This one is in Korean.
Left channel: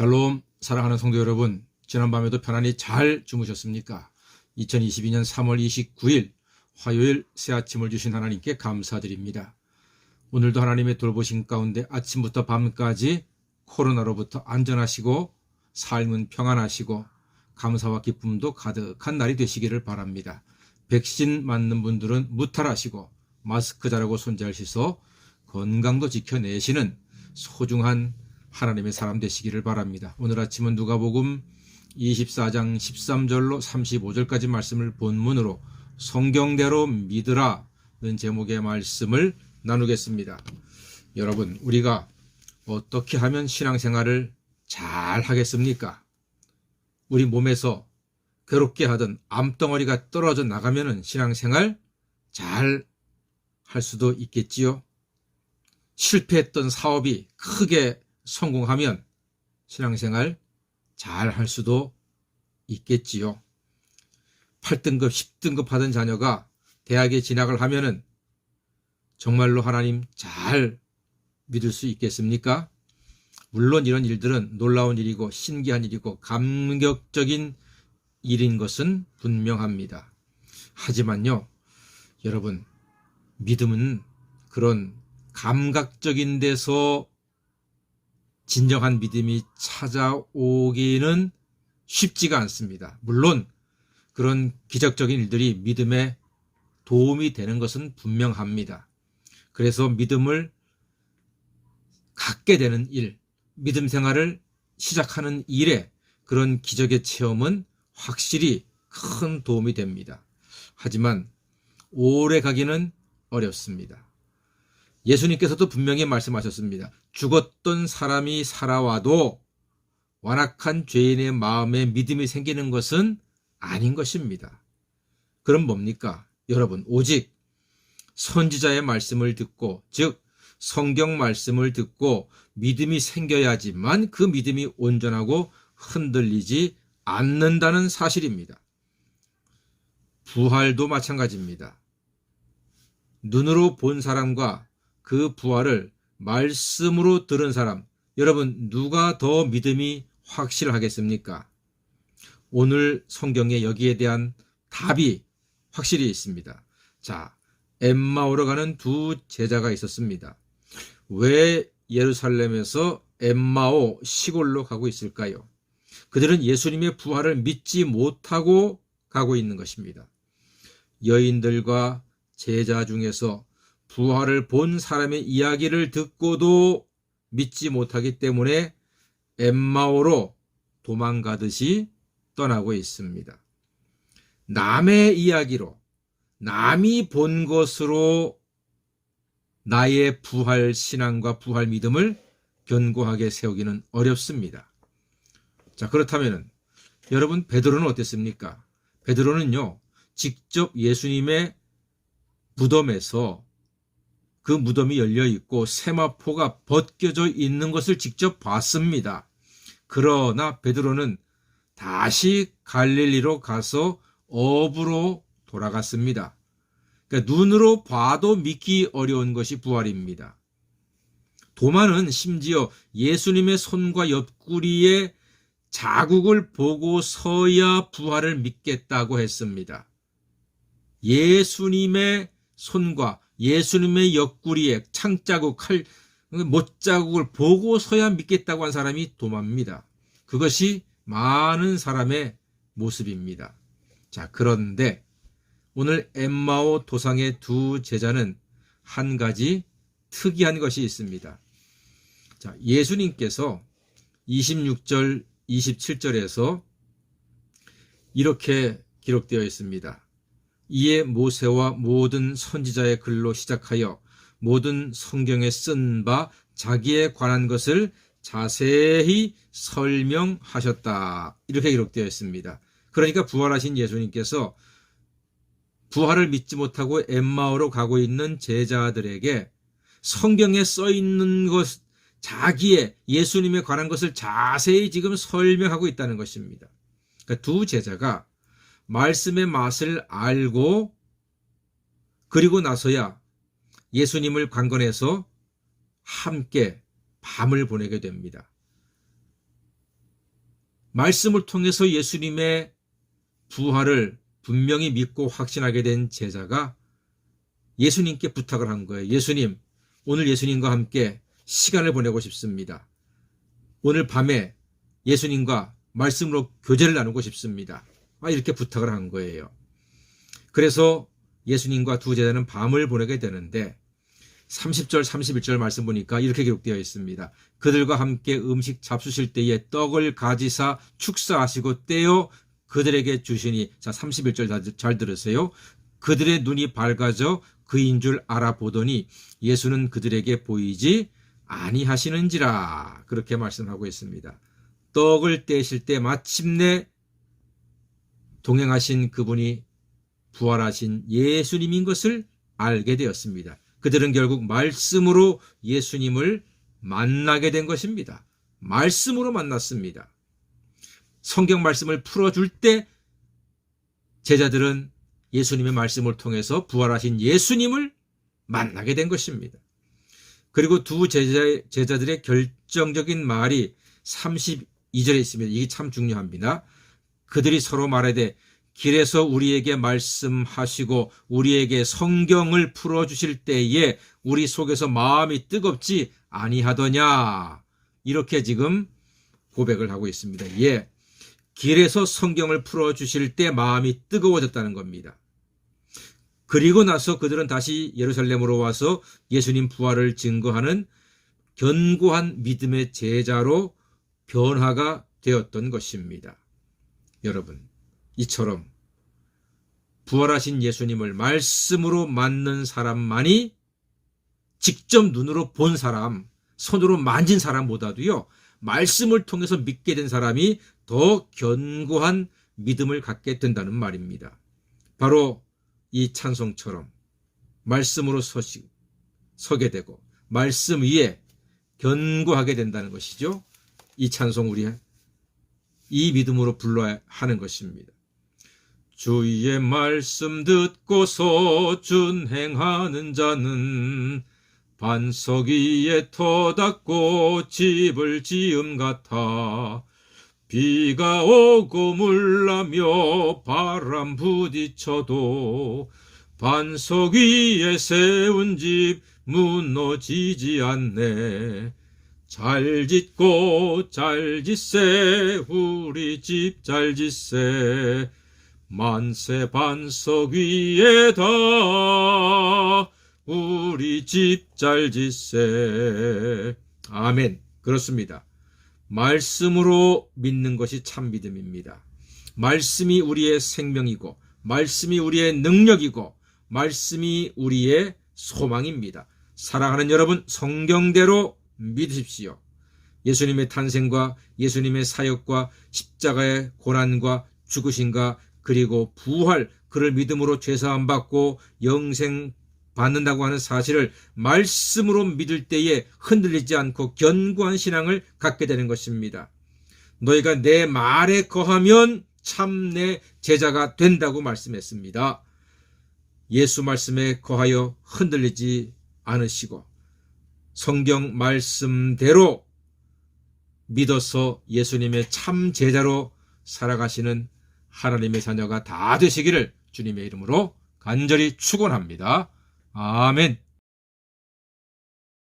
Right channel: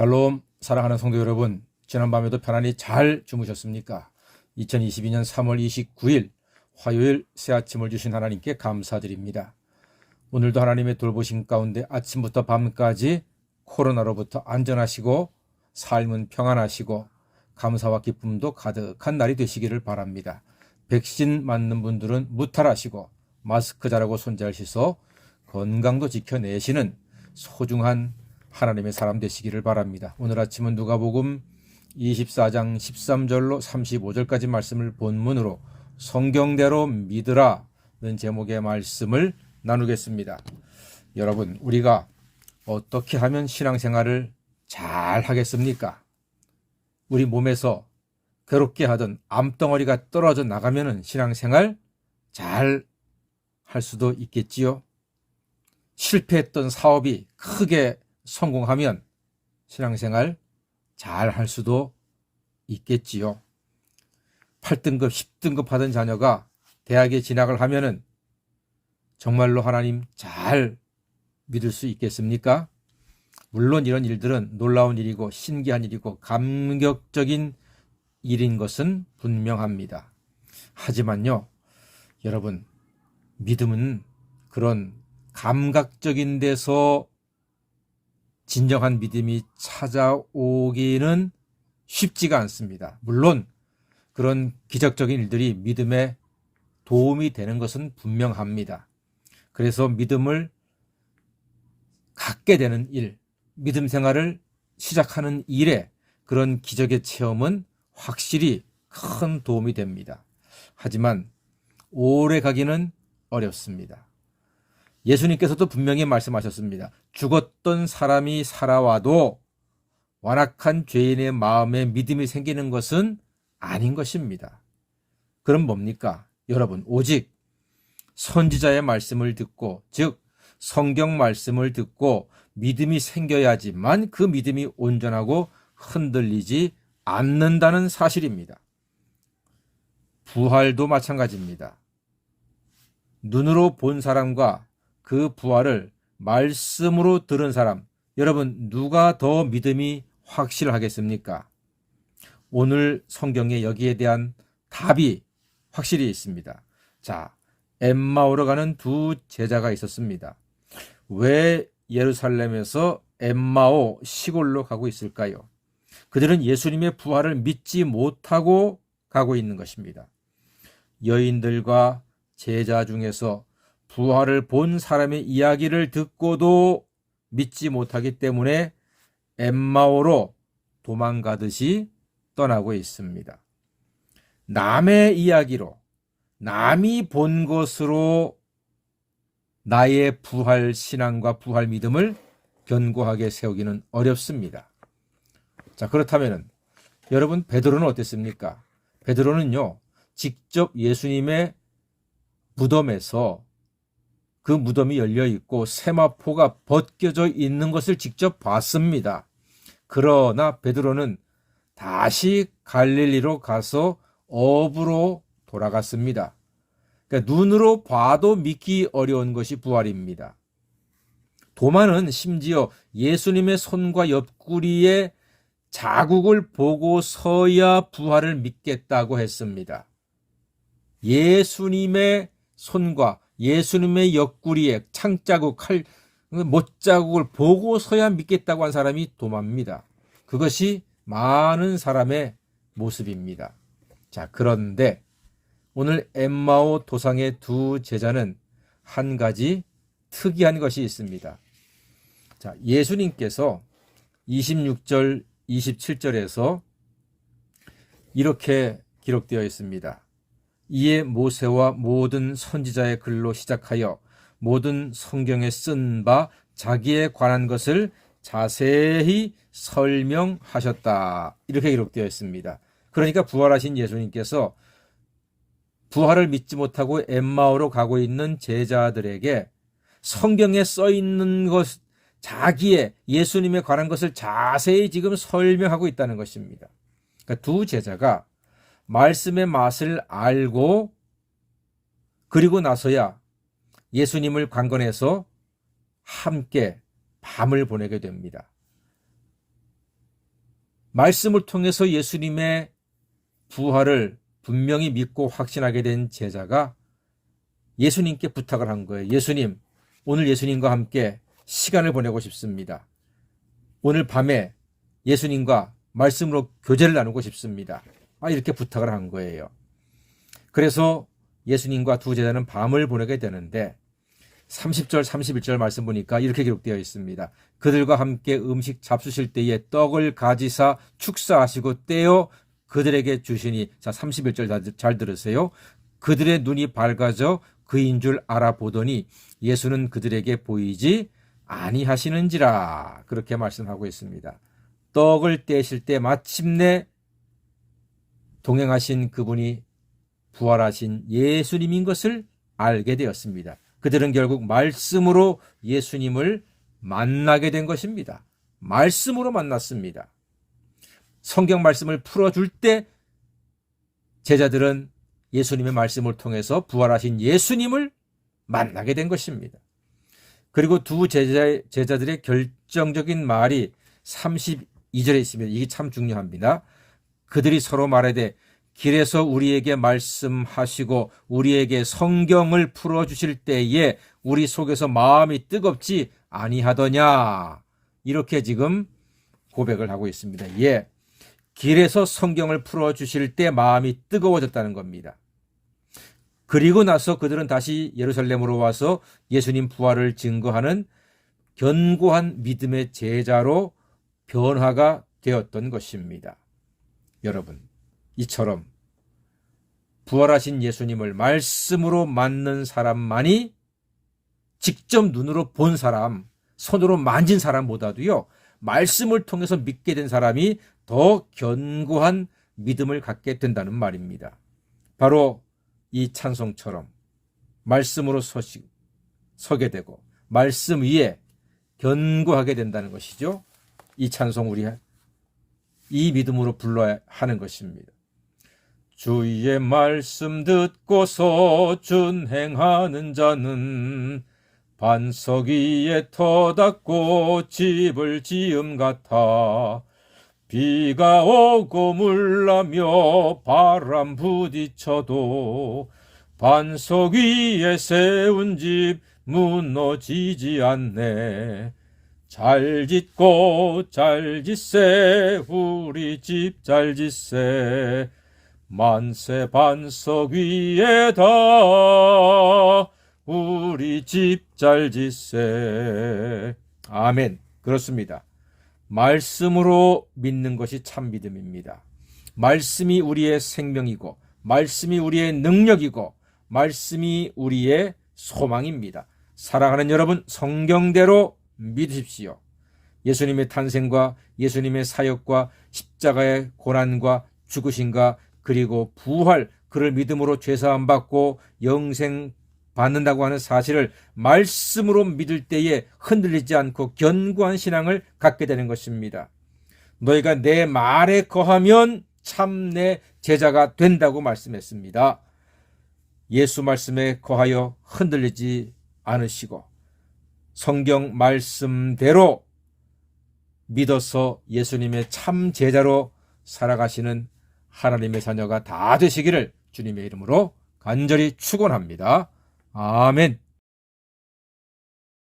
샬롬, 사랑하는 성도 여러분, 지난밤에도 편안히 잘 주무셨습니까? 2022년 3월 29일 화요일 새 아침을 주신 하나님께 감사드립니다. 오늘도 하나님의 돌보심 가운데 아침부터 밤까지 코로나로부터 안전하시고 삶은 평안하시고 감사와 기쁨도 가득한 날이 되시기를 바랍니다. 백신 맞는 분들은 무탈하시고 마스크 잘하고 손 잘 씻어 건강도 지켜내시는 소중한 하나님의 사람 되시기를 바랍니다. 오늘 아침은 누가복음 24장 13절로 35절까지 말씀을 본문으로 성경대로 믿으라는 제목의 말씀을 나누겠습니다. 여러분, 우리가 어떻게 하면 신앙생활을 잘 하겠습니까? 우리 몸에서 괴롭게 하던 암덩어리가 떨어져 나가면 신앙생활 잘 할 수도 있겠지요. 실패했던 사업이 크게 성공하면 신앙생활 잘 할 수도 있겠지요. 8등급, 10등급 하던 자녀가 대학에 진학을 하면은 정말로 하나님 잘 믿을 수 있겠습니까? 물론 이런 일들은 놀라운 일이고 신기한 일이고 감격적인 일인 것은 분명합니다. 하지만요, 여러분, 믿음은 그런 감각적인 데서 진정한 믿음이 찾아오기는 쉽지가 않습니다. 물론 그런 기적적인 일들이 믿음에 도움이 되는 것은 분명합니다. 그래서 믿음을 갖게 되는 일, 믿음 생활을 시작하는 일에 그런 기적의 체험은 확실히 큰 도움이 됩니다. 하지만 오래 가기는 어렵습니다. 예수님께서도 분명히 말씀하셨습니다. 죽었던 사람이 살아와도 완악한 죄인의 마음에 믿음이 생기는 것은 아닌 것입니다. 그럼 뭡니까? 여러분, 오직 선지자의 말씀을 듣고, 즉 성경 말씀을 듣고 믿음이 생겨야지만 그 믿음이 온전하고 흔들리지 않는다는 사실입니다. 부활도 마찬가지입니다. 눈으로 본 사람과 그 부활을 말씀으로 들은 사람, 여러분 누가 더 믿음이 확실하겠습니까? 오늘 성경에 여기에 대한 답이 확실히 있습니다. 자, 엠마오로 가는 두 제자가 있었습니다. 왜 예루살렘에서 엠마오 시골로 가고 있을까요? 그들은 예수님의 부활을 믿지 못하고 가고 있는 것입니다. 여인들과 제자 중에서 부활을 본 사람의 이야기를 듣고도 믿지 못하기 때문에 엠마오로 도망가듯이 떠나고 있습니다. 남의 이야기로, 남이 본 것으로 나의 부활 신앙과 부활 믿음을 견고하게 세우기는 어렵습니다. 자, 그렇다면 여러분, 베드로는 어땠습니까? 베드로는요, 직접 예수님의 무덤에서 그 무덤이 열려 있고 세마포가 벗겨져 있는 것을 직접 봤습니다. 그러나 베드로는 다시 갈릴리로 가서 업으로 돌아갔습니다. 그러니까 눈으로 봐도 믿기 어려운 것이 부활입니다. 도마는 심지어 예수님의 손과 옆구리에 자국을 보고서야 부활을 믿겠다고 했습니다. 예수님의 손과 예수님의 옆구리에 창자국, 못자국을 보고서야 믿겠다고 한 사람이 도마입니다. 그것이 많은 사람의 모습입니다. 자, 그런데 오늘 엠마오 도상의 두 제자는 한 가지 특이한 것이 있습니다. 자, 예수님께서 26절, 27절에서 이렇게 기록되어 있습니다. 이에 모세와 모든 선지자의 글로 시작하여 모든 성경에 쓴 바 자기에 관한 것을 자세히 설명하셨다. 이렇게 기록되어 있습니다. 그러니까 부활하신 예수님께서 부활을 믿지 못하고 엠마오로 가고 있는 제자들에게 성경에 써 있는 것, 자기의 예수님에 관한 것을 자세히 지금 설명하고 있다는 것입니다. 그러니까 두 제자가 말씀의 맛을 알고 그리고 나서야 예수님을 관건해서 함께 밤을 보내게 됩니다. 말씀을 통해서 예수님의 부활을 분명히 믿고 확신하게 된 제자가 예수님께 부탁을 한 거예요. 예수님, 오늘 예수님과 함께 시간을 보내고 싶습니다. 오늘 밤에 예수님과 말씀으로 교제를 나누고 싶습니다. 이렇게 부탁을 한 거예요. 그래서 예수님과 두 제자는 밤을 보내게 되는데 30절 31절 말씀 보니까 이렇게 기록되어 있습니다. 그들과 함께 음식 잡수실 때에 떡을 가지사 축사하시고 떼어 그들에게 주시니, 자 31절 잘 들으세요. 그들의 눈이 밝아져 그인 줄 알아보더니 예수는 그들에게 보이지 아니하시는지라, 그렇게 말씀하고 있습니다. 떡을 떼실 때 마침내 동행하신 그분이 부활하신 예수님인 것을 알게 되었습니다. 그들은 결국 말씀으로 예수님을 만나게 된 것입니다. 말씀으로 만났습니다. 성경 말씀을 풀어줄 때 제자들은 예수님의 말씀을 통해서 부활하신 예수님을 만나게 된 것입니다. 그리고 두 제자들의 결정적인 말이 32절에 있습니다. 이게 참 중요합니다. 그들이 서로 말하되 길에서 우리에게 말씀하시고 우리에게 성경을 풀어주실 때에 우리 속에서 마음이 뜨겁지 아니하더냐, 이렇게 지금 고백을 하고 있습니다. 예, 길에서 성경을 풀어주실 때 마음이 뜨거워졌다는 겁니다. 그리고 나서 그들은 다시 예루살렘으로 와서 예수님 부활을 증거하는 견고한 믿음의 제자로 변화가 되었던 것입니다. 여러분, 이처럼 부활하신 예수님을 말씀으로 만난 사람만이 직접 눈으로 본 사람, 손으로 만진 사람보다도요, 말씀을 통해서 믿게 된 사람이 더 견고한 믿음을 갖게 된다는 말입니다. 바로 이 찬송처럼 말씀으로 서게 되고 말씀 위에 견고하게 된다는 것이죠. 이 찬송 우리 이 믿음으로 불러야 하는 것입니다. 주의 말씀 듣고서 준행하는 자는 반석 위에 터 닦고 집을 지음 같아 비가 오고 물나며 바람 부딪혀도 반석 위에 세운 집 무너지지 않네. 잘 짓고 잘 짓세 우리 집 잘 짓세 만세 반석 위에다 우리 집 잘 짓세. 아멘. 그렇습니다. 말씀으로 믿는 것이 참 믿음입니다. 말씀이 우리의 생명이고 말씀이 우리의 능력이고 말씀이 우리의 소망입니다. 사랑하는 여러분, 성경대로 믿으십시오. 예수님의 탄생과 예수님의 사역과 십자가의 고난과 죽으심과 그리고 부활, 그를 믿음으로 죄사함 받고 영생 받는다고 하는 사실을 말씀으로 믿을 때에 흔들리지 않고 견고한 신앙을 갖게 되는 것입니다. 너희가 내 말에 거하면 참 내 제자가 된다고 말씀했습니다. 예수 말씀에 거하여 흔들리지 않으시고 성경 말씀대로 믿어서 예수님의 참 제자로 살아가시는 하나님의 자녀가 다 되시기를 주님의 이름으로 간절히 축원합니다. 아멘.